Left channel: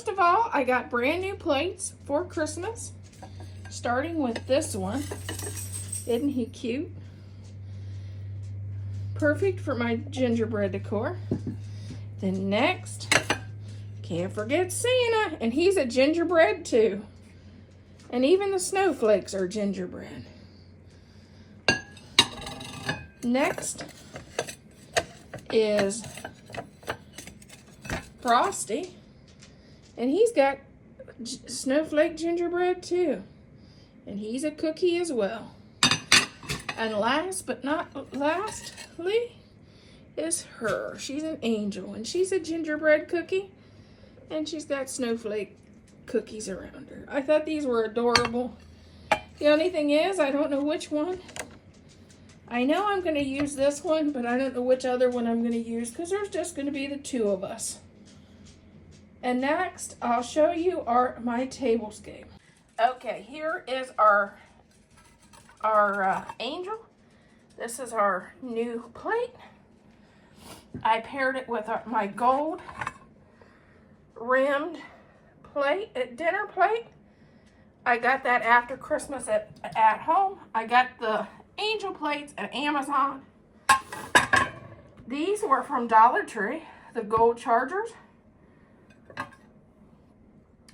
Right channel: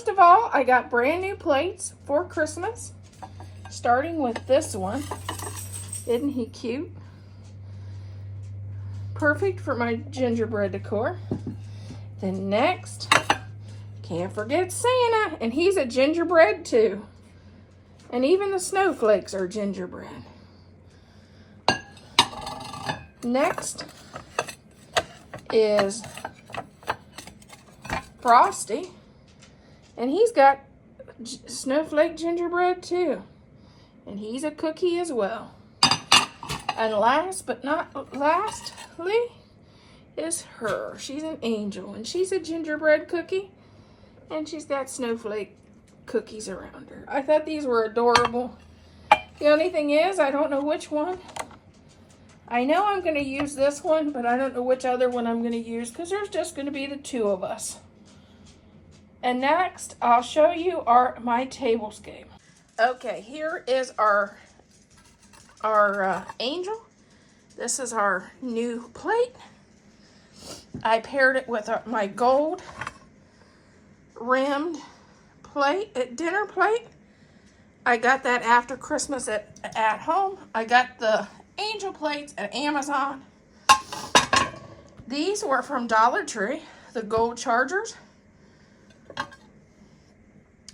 first of all, I got brand new plates for Christmas, starting with this one. Isn't he cute? Perfect for my gingerbread decor. Then next, can't forget Santa, and he's a gingerbread too. And even the snowflakes are gingerbread. Next is Frosty, and he's got snowflake gingerbread too. And he's a cookie as well. And last but not lastly is her. She's an angel, and she's a gingerbread cookie, and she's got snowflake cookies around her. I thought these were adorable. The only thing is, I don't know which one. I know I'm going to use this one, but I don't know which other one I'm going to use because there's just going to be the two of us. And next, I'll show you my tablescape. Okay, here is our angel. This is our new plate. I paired it with my gold rimmed plate, dinner plate. I got that after Christmas at home. I got the angel plates at Amazon. These were from Dollar Tree, the gold chargers.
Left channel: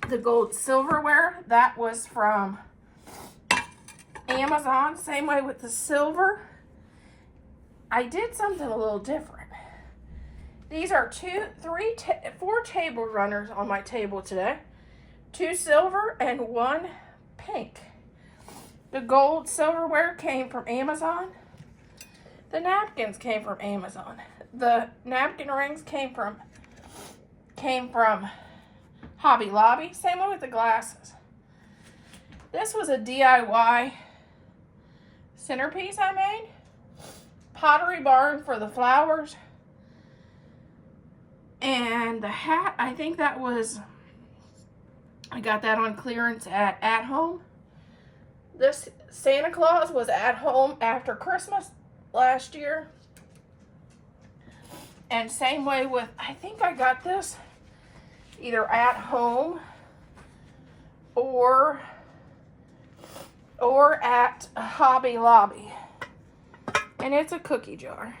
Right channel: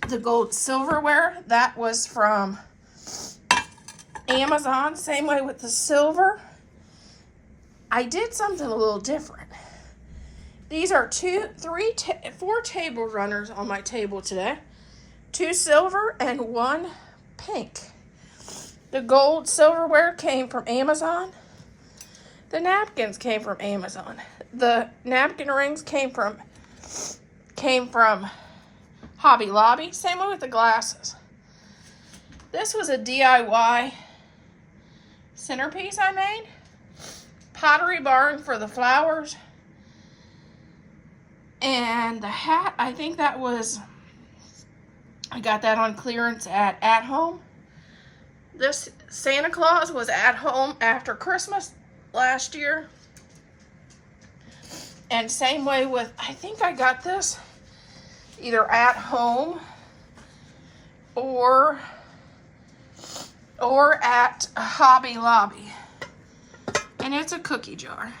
The gold silverware, that was from Amazon. Same way with the silver. I did something a little different. These are 4 table runners on my table today. 2 silver and 1 pink. The gold silverware came from Amazon. The napkins came from Amazon. The napkin rings came from Hobby Lobby. Same way with the glasses. This was a DIY centerpiece I made. Pottery Barn for the flowers. And the hat, I think that was, I got that on clearance at home. This Santa Claus was at home after Christmas last year. And same way with, I think I got this either at home or at Hobby Lobby. And it's a cookie jar.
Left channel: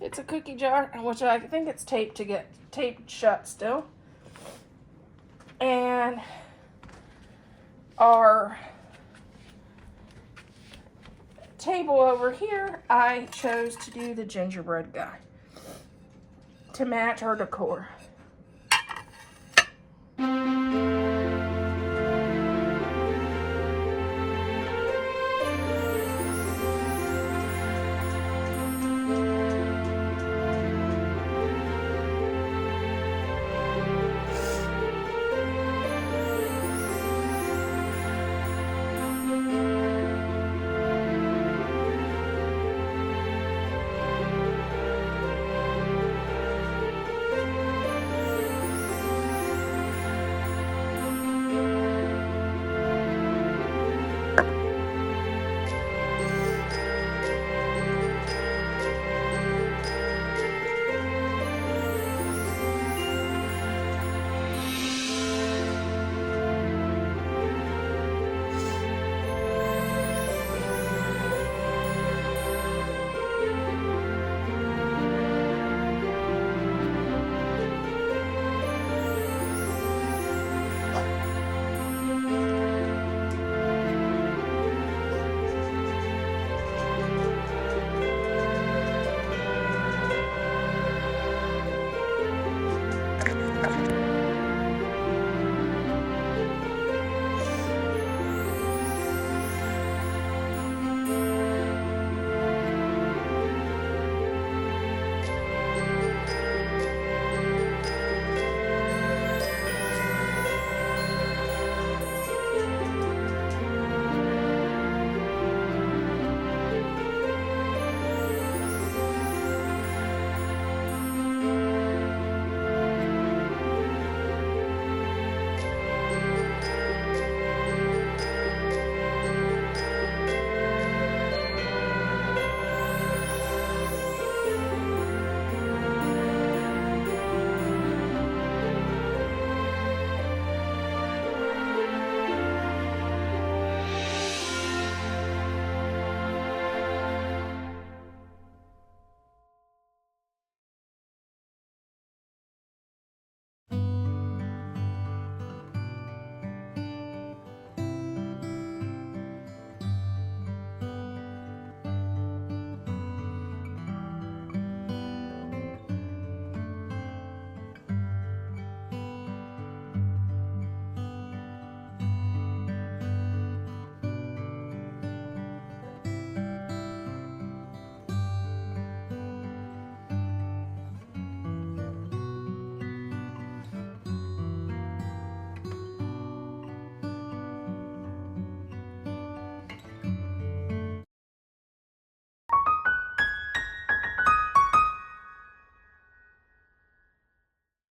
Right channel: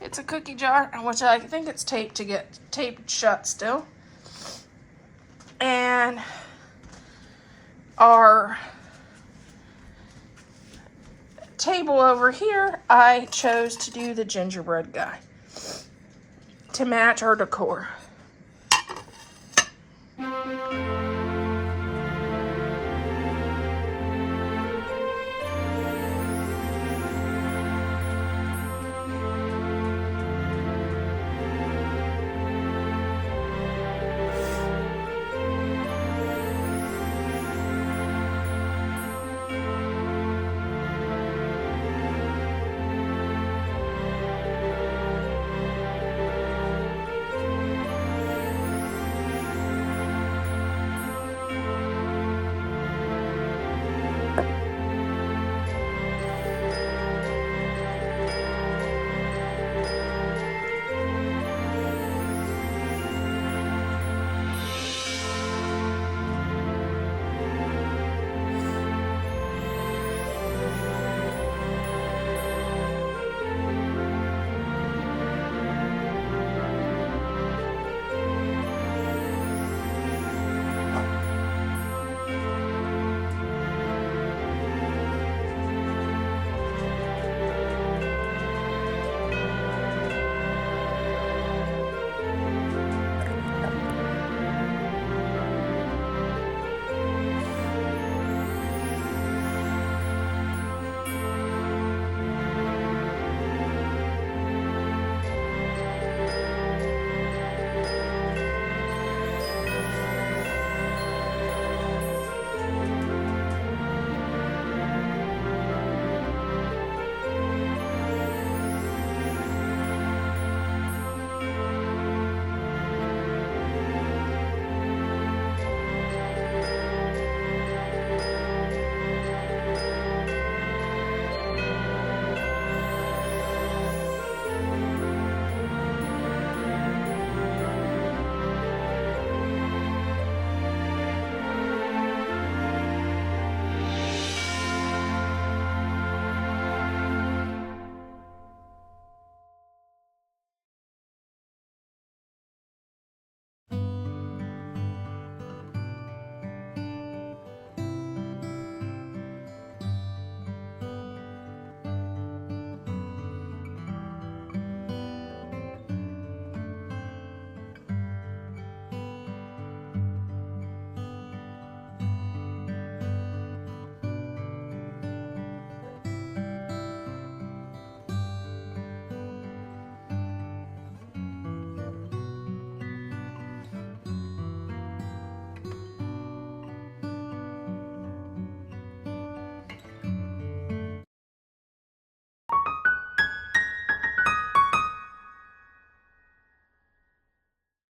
It's a cookie jar, which I think it's taped shut still. And our table over here, I chose to do the gingerbread guy to match our decor.